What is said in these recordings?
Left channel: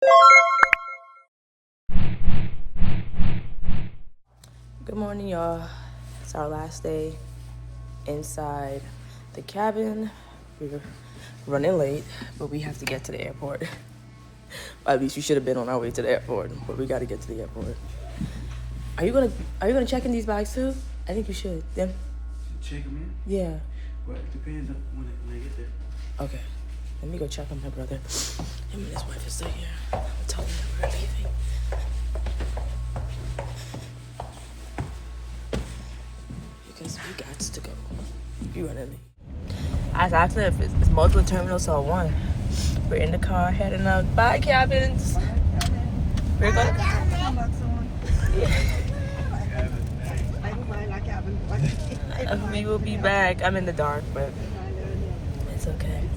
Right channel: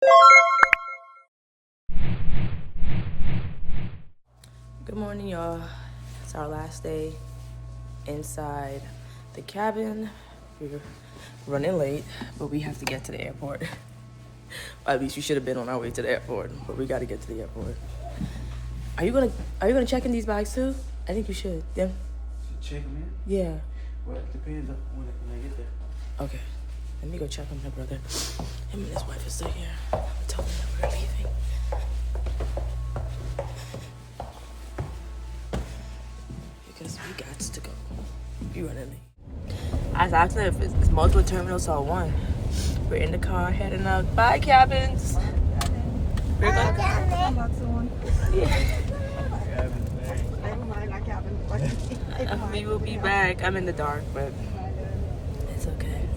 Good morning, y'all. It's our last day inside the cabin. We're running late, but we have to get to the airport. At least we should have been on our way to the airport, but we gotta get to the airport. Are you gonna check in these bags too? I think you should. Then. Check them in? Yeah. Well, it depends on when I get there. Okay. Let me go check on my brother. Him and his wife is still here. I'm telling them that we're leaving. Because we got to go. You running late. I was asking if it's multiple terminals or one. We're in the car heading out. Bye, cabins. We're gonna. We will be back. I'm in the dark, but it's okay.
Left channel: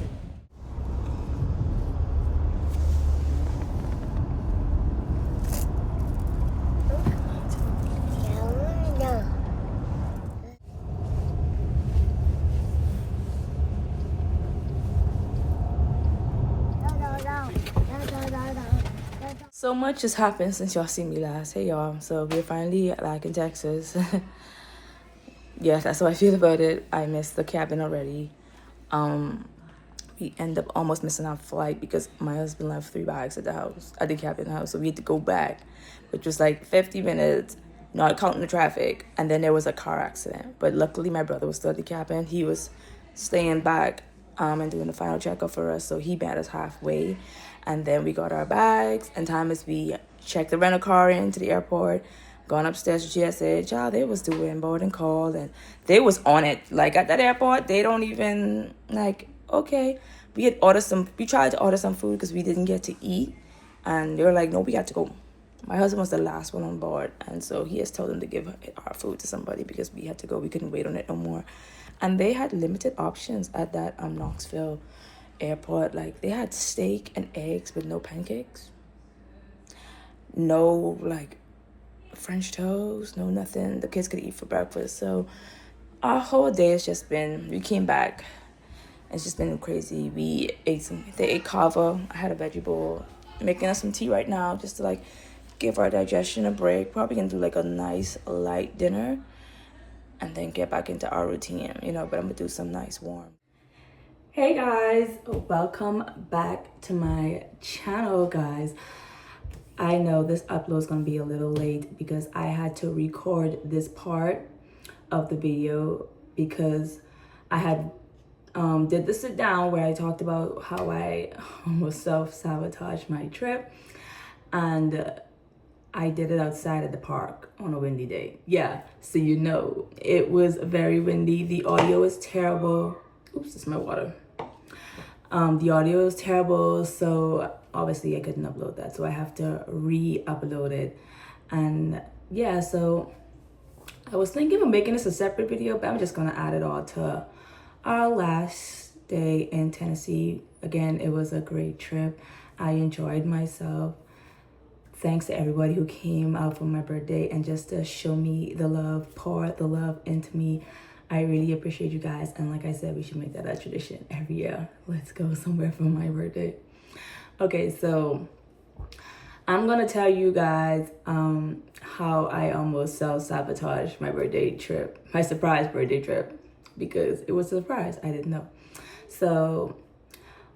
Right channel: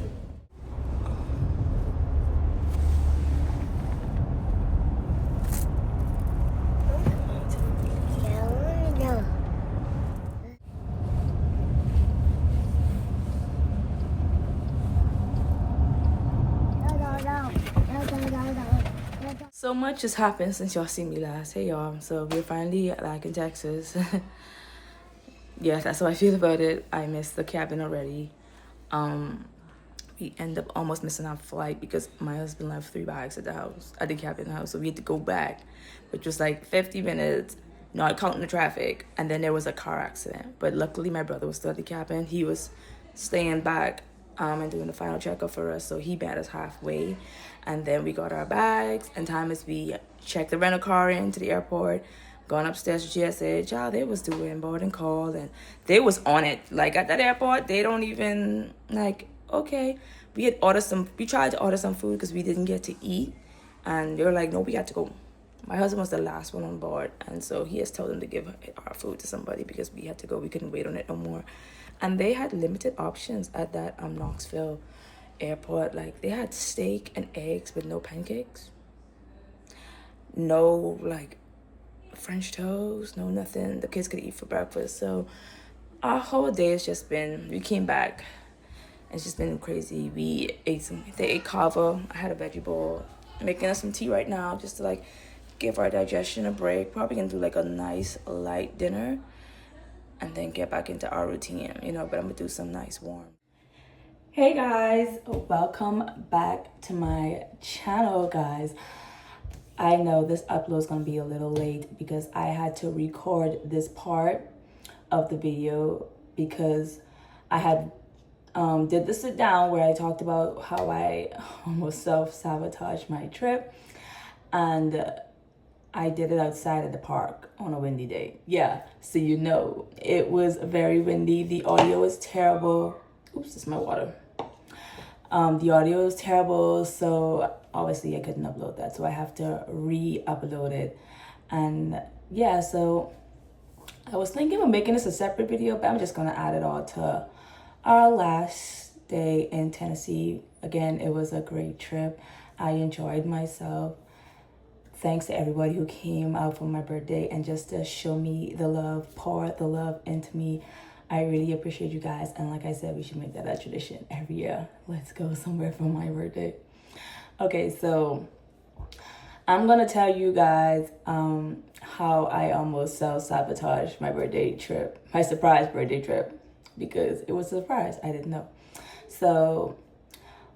So much has happened since y'all seen me last. Hey y'all, so we're finally back in Texas. Yeah, that's how I feel about it. I missed the cabin already. We end up almost missing our flight because my husband left 3 bags at the cabin house. So we had to go back, which was like 50 minutes, not counting the traffic. And then there was a car accident. But luckily my brother was still at the cabin. He was staying back and doing the final checkup for us. So he met us halfway. And then we got our bags. And time as we checked the rental car into the airport, gone upstairs to GSA, child, they was doing boarding call and they was on it. Like at that airport, they don't even okay. We tried to order some food because we didn't get to eat. And they were like, no, we got to go. My husband was the last one on board. And so he has told them to give our food to somebody because we had to go. We couldn't wait on it no more. And they had limited options at that Knoxville airport. Like they had steak and eggs with no pancakes. No French toast, no nothing the kids could eat for breakfast. So our whole day has just been, we came back, it's just been crazy. They ate kava. I had a veggie bowl, making us some tea right now just to give our digestion a break. Probably gonna do a nice light dinner and then get back into our routine, but I'm gonna do some nice warm. Hey guys, welcome back to my channel, guys. I know this upload is going to be a little late because I had to record this part of the video because I had did the sit down where I talked about how I almost self-sabotaged my trip, and I did it outside at the park on a windy day. Yeah, so it was very windy. The audio was terrible. Oops, it's my water. The audio is terrible, so obviously I couldn't upload that, so I have to re-upload it. And yeah, so I was thinking of making this a separate video, but I'm just gonna add it all to our last day in Tennessee. Again, it was a great trip. I enjoyed myself. Thanks to everybody who came out for my birthday and just to show me the love, pour the love into me. I really appreciate you guys. And like I said, we should make that a tradition every year. Let's go somewhere for my birthday. Okay, so I'm gonna tell you guys how I almost self-sabotaged my birthday trip, my surprise birthday trip, because it was a surprise. I didn't know. So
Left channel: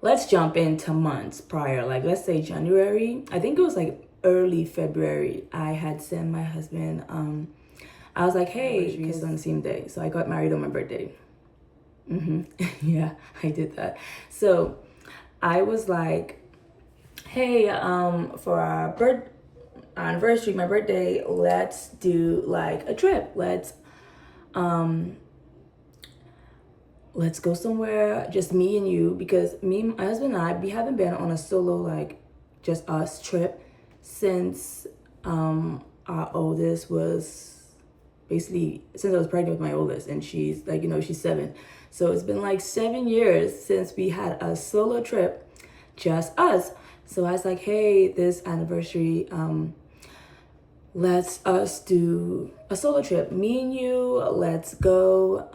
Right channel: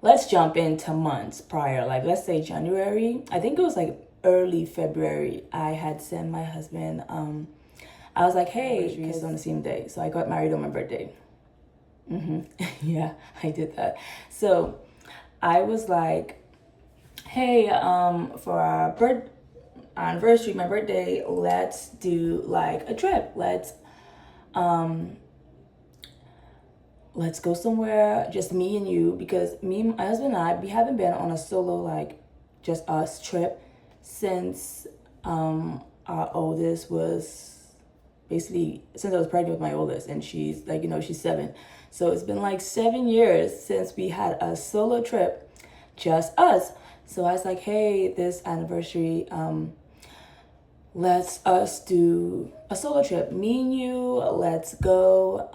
let's jump into months prior. Let's say January. I think it was early February. I had sent my husband I was like, hey, because on the same day. So I got married on my birthday. Yeah, I did that. So I was like, hey, for our anniversary, my birthday, let's do a trip. Let's go somewhere, just me and you, because my husband and I, we haven't been on a solo, just us trip since our oldest was basically since I was pregnant with my oldest, and she's she's 7. So it's been 7 years since we had a solo trip, just us. So I was like, hey, this anniversary, let's us do a solo trip. Me and you, let's go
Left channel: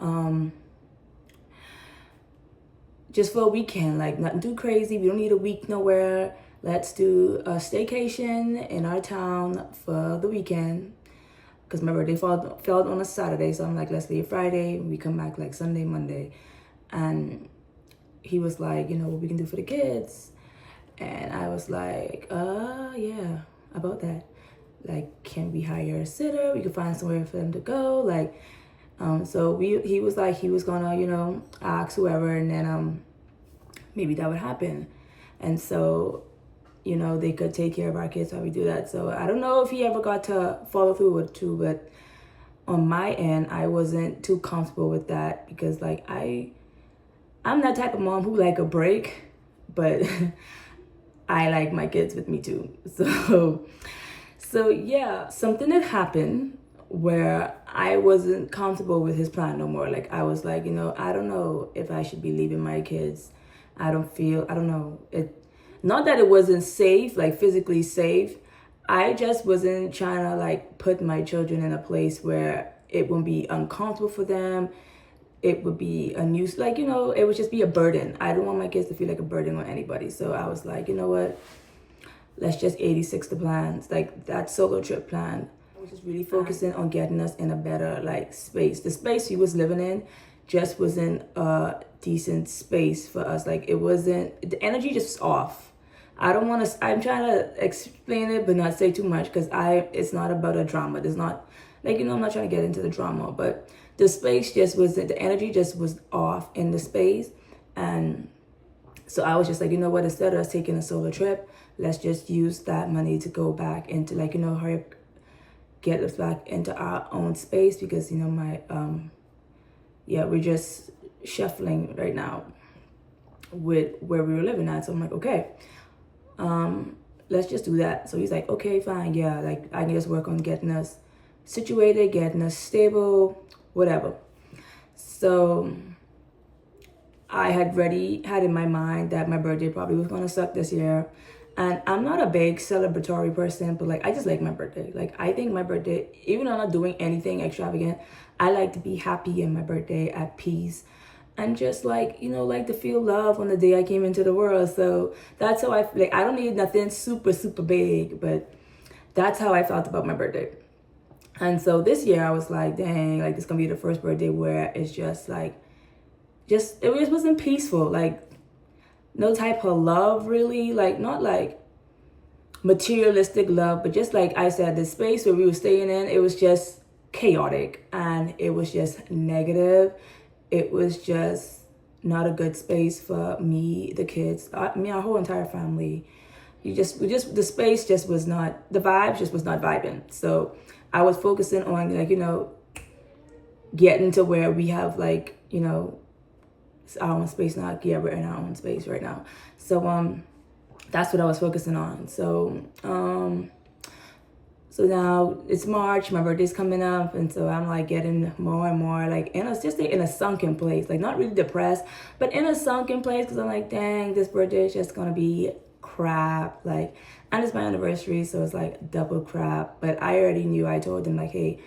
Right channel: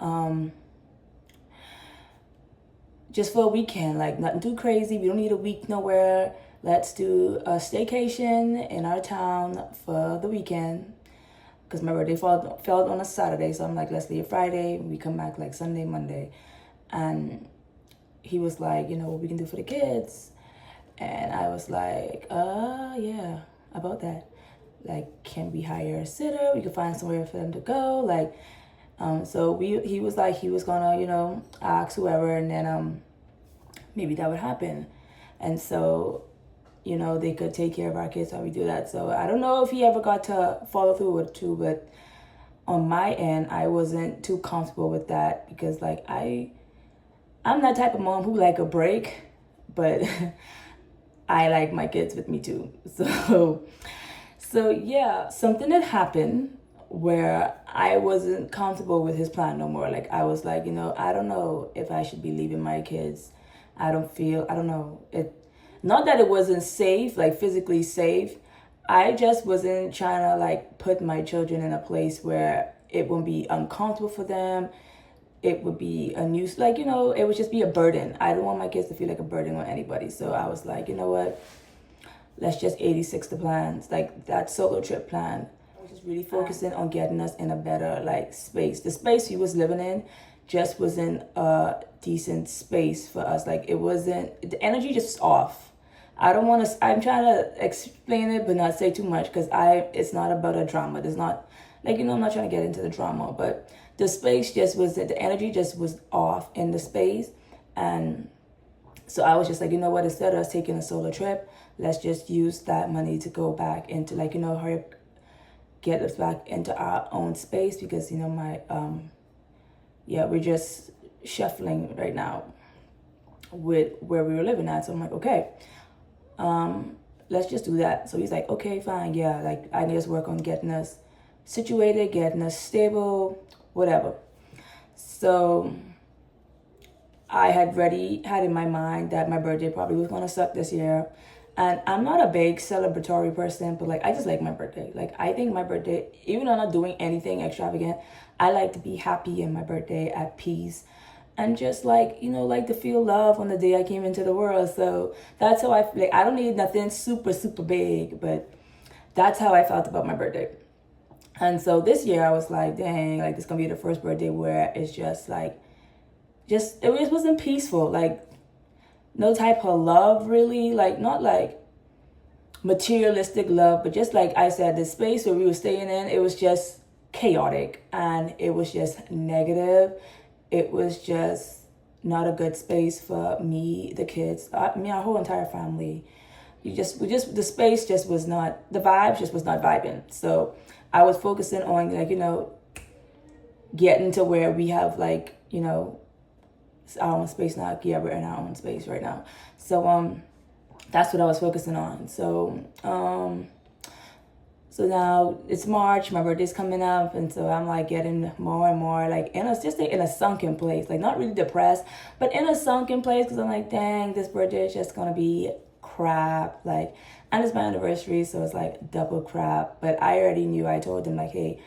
just for a weekend, nothing too crazy. We don't need a week nowhere. let's do a staycation in our town for the weekend. Because my birthday fell on a Saturday. So I'm like, let's leave Friday. We come back like Sunday, Monday. And he was like, you know, what we can do for the kids. And I was like, yeah, about that. Like, can we hire a sitter? We could find somewhere for them to go. Like, so he was like, he was gonna, you know, ask whoever, and then maybe that would happen. And so, you know, they could take care of our kids while we do that. So I don't know if he ever got to follow through with it too, but on my end, I wasn't too comfortable with that because like I'm that type of mom who like a break, but I like my kids with me too. So yeah, something had happened where I wasn't comfortable with his plan no more. Like I was like, you know, I don't know if I should be leaving my kids. I don't know. Not that it wasn't safe, like physically safe. I just wasn't trying to like put my children in a place where it would be uncomfortable for them. It would be a new, like, you know, it would just be a burden. I don't want my kids to feel like a burden on anybody. So I was like, you know what? Let's just 86 the plans, like that solo trip plan. I was just really focusing on getting us in a better like space. The space we was living in just wasn't a decent space for us. Like it wasn't, the energy just off. I'm trying to explain it, but not say too much because it's not about a drama. There's not, like, you know, I'm not trying to get into the drama, but the space just wasn't, the energy just was off in the space. And so I was just like, you know what, instead of us taking a solo trip, let's just use that money to go back into like, you know, hurry up, get us back into our own space because, you know, we're just shuffling right now with where we were living at. So I'm like, okay, let's just do that. So he's like, okay, fine. Yeah. Like I can just work on getting us situated, getting us stable, whatever. So I had in my mind that my birthday probably was going to suck this year. And I'm not a big celebratory person, but like, I just like my birthday. Like, I think my birthday, even though I'm not doing anything extravagant, I like to be happy in my birthday, at peace. And just like, you know, like to feel love on the day I came into the world. So that's how I feel. Like, I don't need nothing super, super big, but that's how I felt about my birthday. And so this year I was like, dang, like this is gonna be the first birthday where it's just like, it wasn't peaceful. Like no type of love really, like not like materialistic love, but just like I said, the space where we were staying in, it was just chaotic and it was just negative. It was just not a good space for me, the kids, our whole entire family. The space just was not, the vibes just was not vibing. So I was focusing on like, you know, getting to where we have like, you know, our own space now. Yeah, we're in our own space right now. So that's what I was focusing on. So so now it's March, my birthday's coming up, and so I'm like getting more and more like in a sunken place, like not really depressed, but in a sunken place because I'm like, dang, this birthday is just gonna be crap. Like, and it's my anniversary, so it's like double crap. But I already knew, I told them like, hey,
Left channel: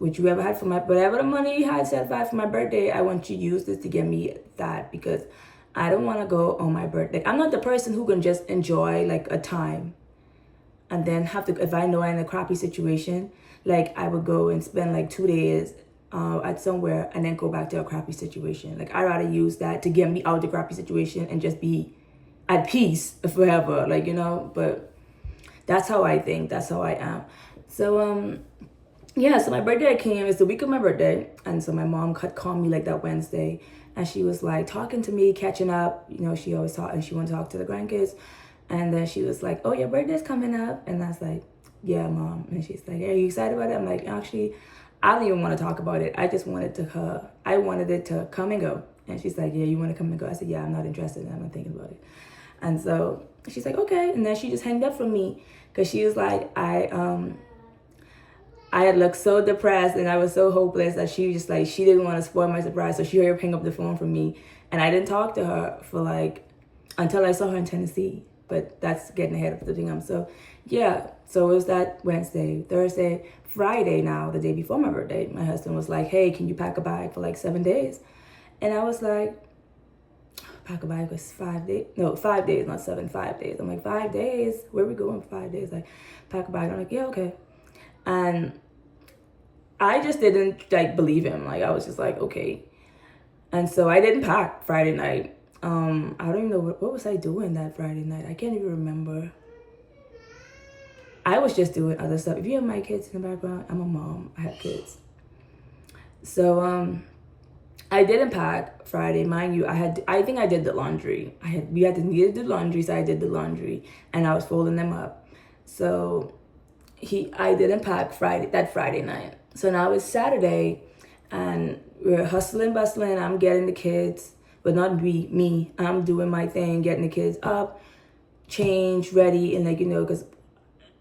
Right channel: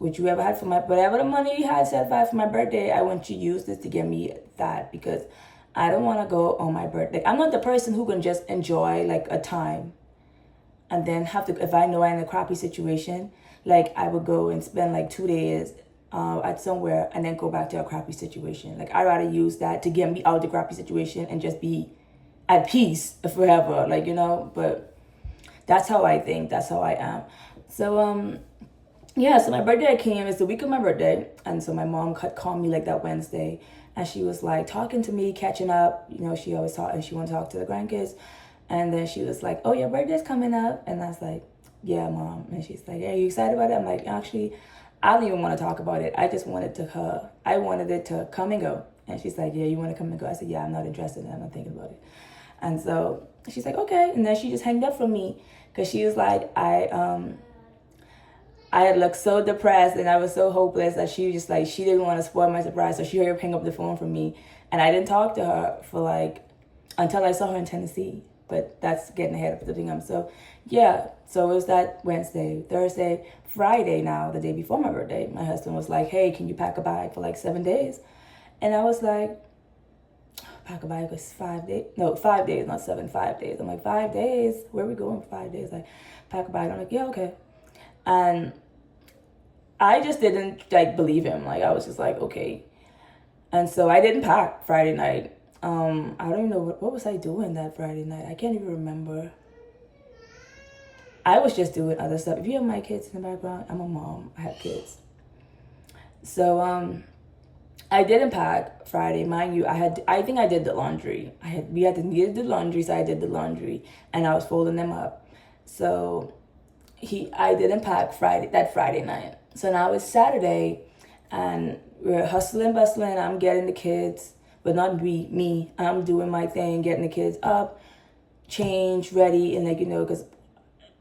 would you ever had for whatever the money you had set aside for my birthday, I want you to use this to get me that, because I don't want to go on my birthday. I'm not the person who can just enjoy like a time and then have to, if I know I'm in a crappy situation, like I would go and spend like 2 days at somewhere and then go back to a crappy situation. Like I'd rather use that to get me out of the crappy situation and just be at peace forever, like, you know. But that's how I think, that's how I am. So yeah, so my birthday came, it's the week of my birthday, and so my mom called me like that Wednesday, and she was like talking to me, catching up, you know, she always talk, and she want to talk to the grandkids, and then she was like, oh, your birthday's coming up, and I was like, yeah, Mom, and she's like, hey, are you excited about it? I'm like, actually, I don't even want to talk about it, I just wanted I wanted it to come and go, and she's like, yeah, you want to come and go? I said, yeah, I'm not interested, I'm not thinking about it. And so she's like, okay, and then she just hanged up from me, because she was like, I had looked so depressed and I was so hopeless that she just like, she didn't want to spoil my surprise. So she hurried up, hang up the phone from me. And I didn't talk to her for like, until I saw her in Tennessee. But that's getting ahead of the thing. So yeah, so it was that Wednesday, Thursday, Friday now, the day before my birthday. My husband was like, hey, can you pack a bag for like 7 days? And I was like, pack a bag was 5 days. No, 5 days, not 7, 5 days. I'm like, 5 days? Where are we going for 5 days? Like, pack a bag. I'm like, yeah, okay. And I just didn't like believe him. Like, I was just like, okay. And so I didn't pack Friday night. I don't even know what was I doing that Friday night. I can't even remember. I was just doing other stuff. If you have my kids in the background, I'm a mom. I have kids. So I didn't pack Friday, mind you. I think I did the laundry. We needed to do laundry, so I did the laundry, and I was folding them up. So I didn't pack that Friday night. So now it's Saturday, and we're hustling, bustling. I'm getting the kids, but not me. I'm doing my thing, getting the kids up, changed, ready, and like, because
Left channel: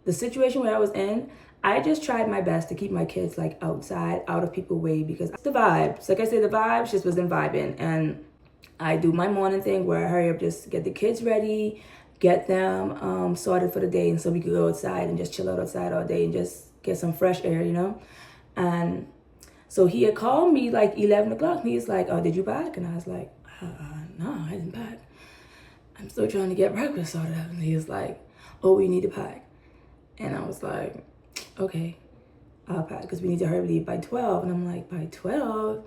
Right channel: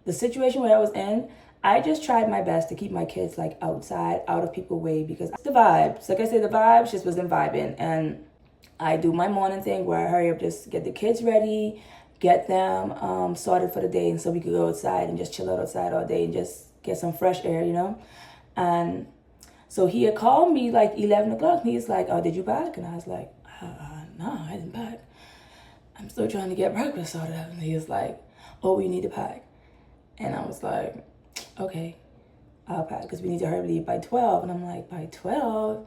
the situation where I was in, I just tried my best to keep my kids like outside, out of people's way, because the vibes, like I said, the vibes just wasn't vibing. And I do my morning thing where I hurry up, just get the kids ready, get them sorted for the day, and so we could go outside and just chill out outside all day and just get some fresh air, And so he had called me like 11 o'clock, and he's like, oh, did you pack? And I was like, no, I didn't pack. I'm still trying to get breakfast sorted out. And he was like, oh, we need to pack. And I was like, okay, I'll pack, because we need to hurry leave by 12. And I'm like, by 12?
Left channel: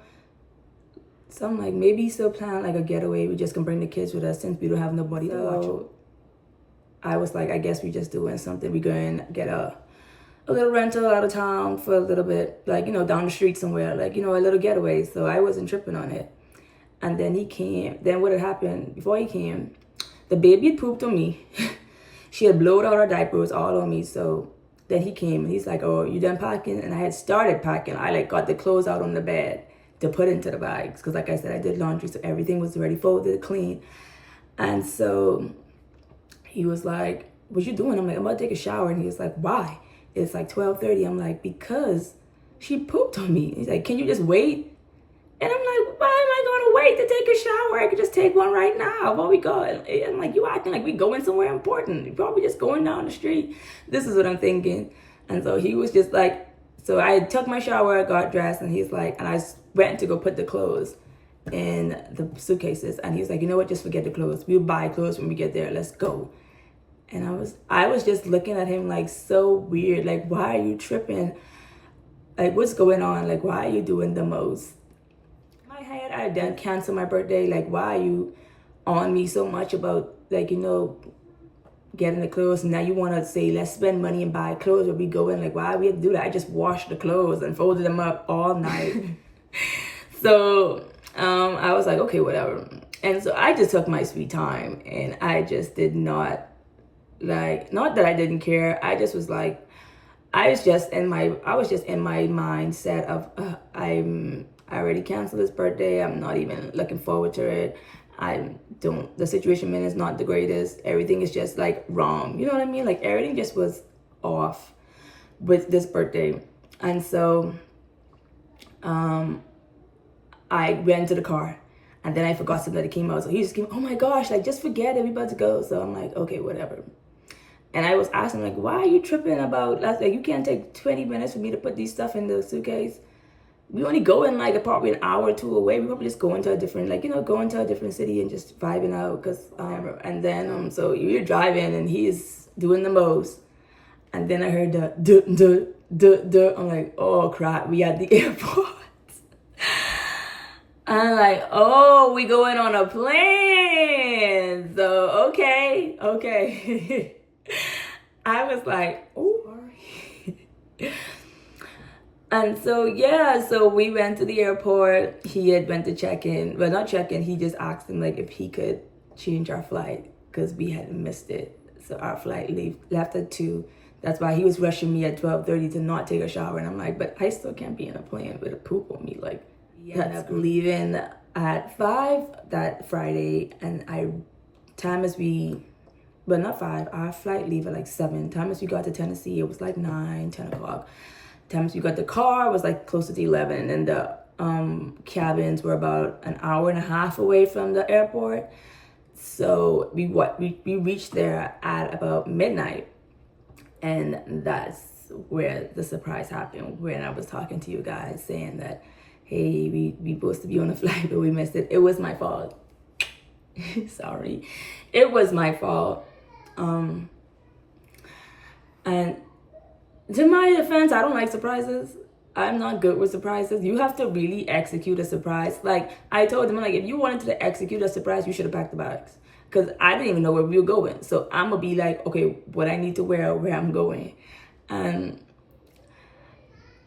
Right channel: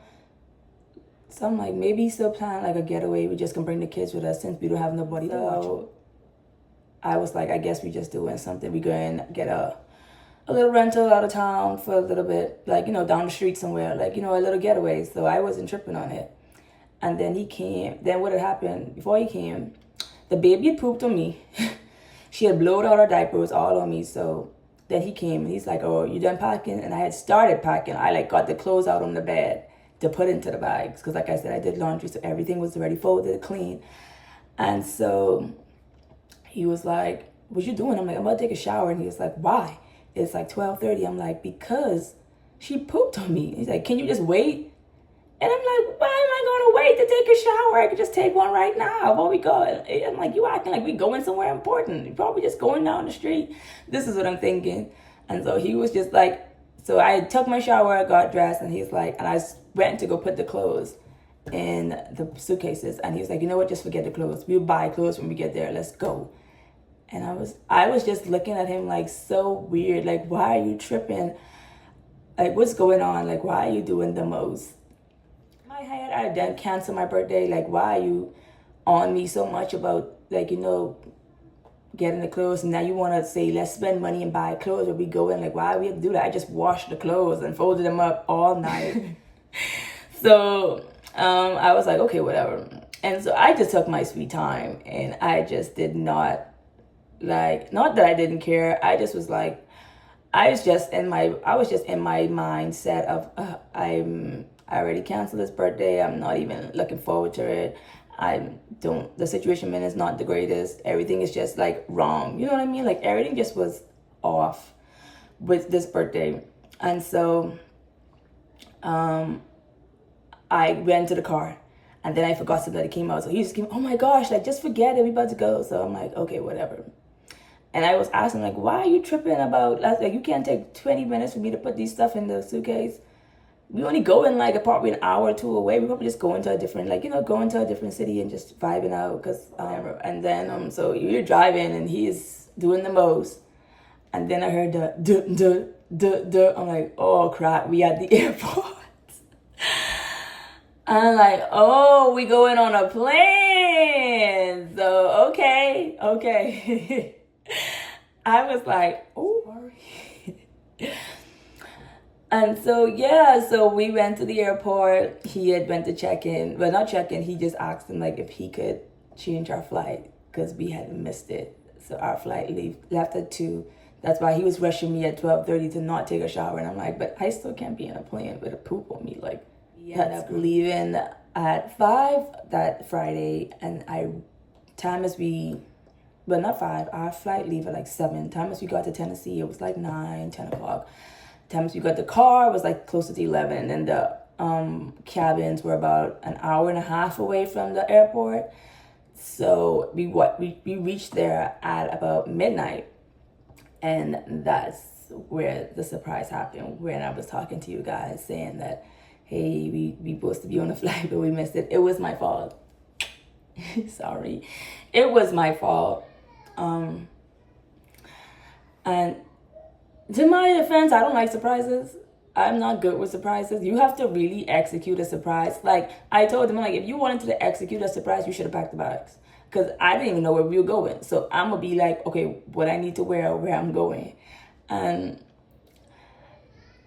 So I'm like, maybe he's still planning like a getaway. We just can bring the kids with us since we don't have nobody to watch them. I was like, I guess we just doing something. We going to get a little rental out of town for a little bit, like, down the street somewhere, like, a little getaway. So I wasn't tripping on it. And then he came. Then what had happened before he came, the baby had pooped on me. She had blowed out her diapers all on me. So then he came and he's like, oh, you done packing? And I had started packing. I like got the clothes out on the bed to put into the bags. Because like I said, I did laundry. So everything was already folded, clean. And so he was like, what you doing? I'm like, I'm about to take a shower. And he was like, why? It's like 12:30. I'm like, because she pooped on me. He's like, can you just wait? And I'm like, why am I going to wait to take a shower? I could just take one right now. Where we going? I'm like, you acting like we going somewhere important. You're probably just going down the street. This is what I'm thinking. And so he was just like, so I took my shower, got dressed, and he's like, and I went to go put the clothes in the suitcases. And he's like, you know what? Just forget the clothes. We'll buy clothes when we get there. Let's go. And I was just looking at him like so weird. Like, why are you tripping? Like, what's going on? Like, why are you doing the most? My head, I done cancel my birthday. Like, why are you on me so much about, like, getting the clothes? And now you want to say, let's spend money and buy clothes where we go in. Like, why we have to do that? I just washed the clothes and folded them up all night. So I was like, okay, whatever. And so I just took my sweet time, and I just did not, like, not that I didn't care. I just was like, I was just in my mindset of I already canceled this birthday. I'm not even looking forward to it. The situation is not the greatest. Everything is just like wrong. You know what I mean? Like everything just was off with this birthday. And so I went to the car, and then I forgot something that came out. So he just came, oh my gosh, like just forget it. We about to go. So I'm like, okay, whatever. And I was asking, like, why are you tripping about, like, you can't take 20 minutes for me to put these stuff in the suitcase. We only go in, like, probably an hour or two away. We probably just go into a different, like, go into a different city and just vibing out. And then, so you're driving, and he's doing the most. And then I heard the duh. I'm like, oh, crap, we at the airport. I'm like, oh, we going on a plane. So, okay. I was like, oh, sorry. And so, yeah, so we went to the airport. He had went to check in. Well, not check in. He just asked him, like, if he could change our flight because we had missed it. So our flight left at 2. That's why he was rushing me at 12:30 to not take a shower. And I'm like, but I still can't be in a plane with a poop on me. Like, we ended up leaving at 5 that Friday. And not 5. Our flight leave at like 7. Time as we got to Tennessee, it was like 9, 10 o'clock. Time as we got the car, it was like closer to 11. And the cabins were about an hour and a half away from the airport. So we reached there at about midnight. And that's where the surprise happened, when I was talking to you guys saying that, hey, we supposed to be on a flight, but we missed it. It was my fault. Sorry. It was my fault. And to my defense, I don't like surprises. I'm not good with surprises. You have to really execute a surprise. Like, I told him, like, if you wanted to execute a surprise, you should have packed the bags. Because I didn't even know where we were going. So I'm going to be like, okay, what I need to wear, where I'm going. And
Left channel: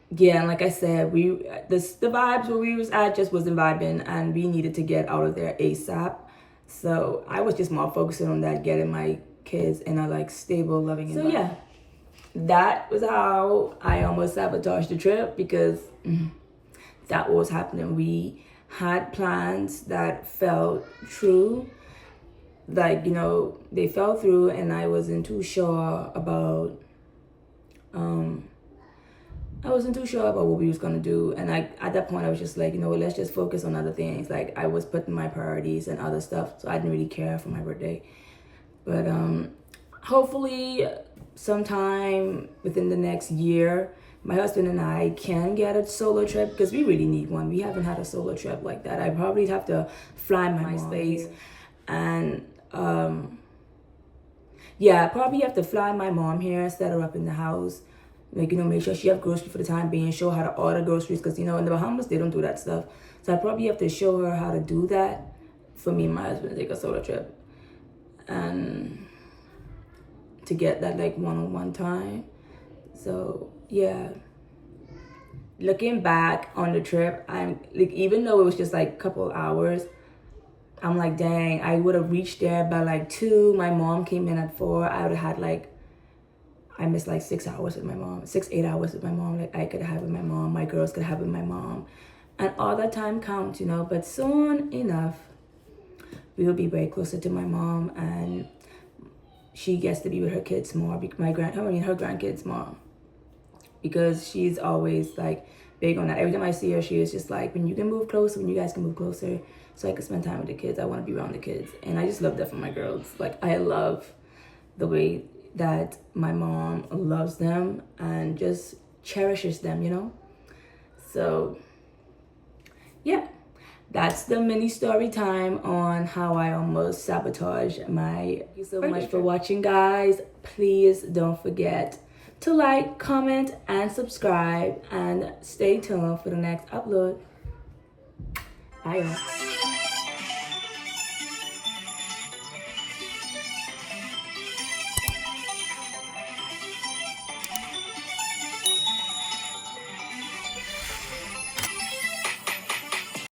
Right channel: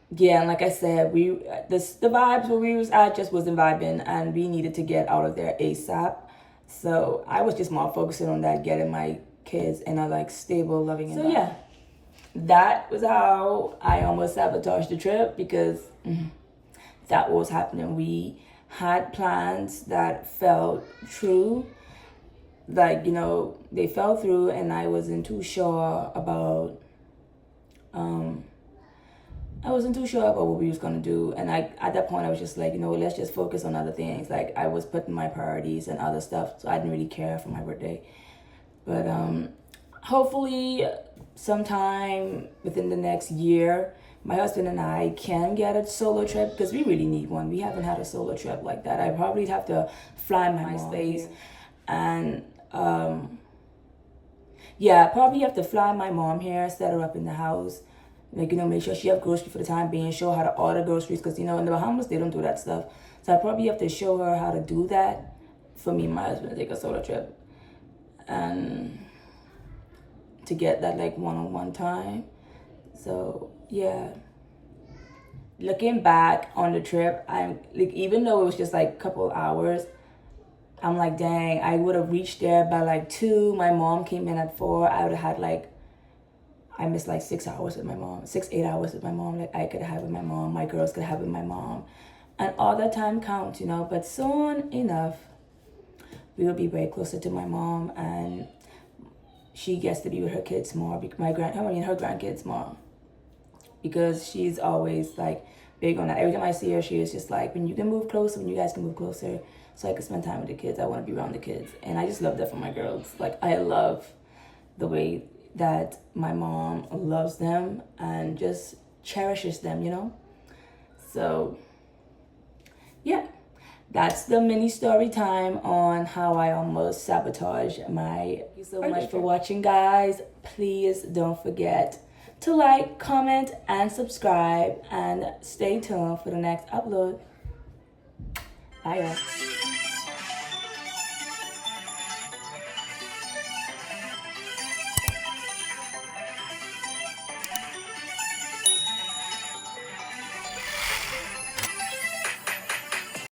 yeah, and like I said, the vibes where we was at just wasn't vibing. And we needed to get out of there ASAP. So I was just more focusing on that, getting my kids in a, like, stable, loving environment. So yeah. That was how I almost sabotaged the trip, because that was happening. We had plans that felt true. Like, you know, they fell through, and I wasn't too sure about what we was gonna do. And at that point I was just like, you know what, let's just focus on other things. Like, I was putting my priorities and other stuff, so I didn't really care for my birthday. But hopefully sometime within the next year, my husband and I can get a solo trip, because we really need one. We haven't had a solo trip like that. I probably have to fly my space, and yeah, probably have to fly my mom here, set her up in the house, like, you know, make sure she have groceries for the time being, show her how to order groceries, because, you know, in the Bahamas they don't do that stuff. So I probably have to show her how to do that for me and my husband to take a solo trip, and to get that, like, one-on-one time. So yeah, looking back on the trip, I'm like, even though it was just like a couple hours, I'm like, dang, I would have reached there by like 2. My mom came in at 4. I would have had, like, I missed like 6 hours with my mom, 8 hours with my mom. Like, I could have with my mom, my girls could have with my mom, and all that time counts, you know. But soon enough, we will be way closer to my mom, and she gets to be with her kids more, her grandkids more, because she's always, like, big on that. Every time I see her, she is just like, when you can move closer, when you guys can move closer, so I can spend time with the kids. I want to be around the kids, and I just love that for my girls. Like, I love the way that my mom loves them and just cherishes them, you know. So yeah, that's the mini story time on how I almost sabotaged my. Thank you so much for watching, guys. Please don't forget to like, comment, and subscribe, and stay tuned for the next upload. Bye, y'all.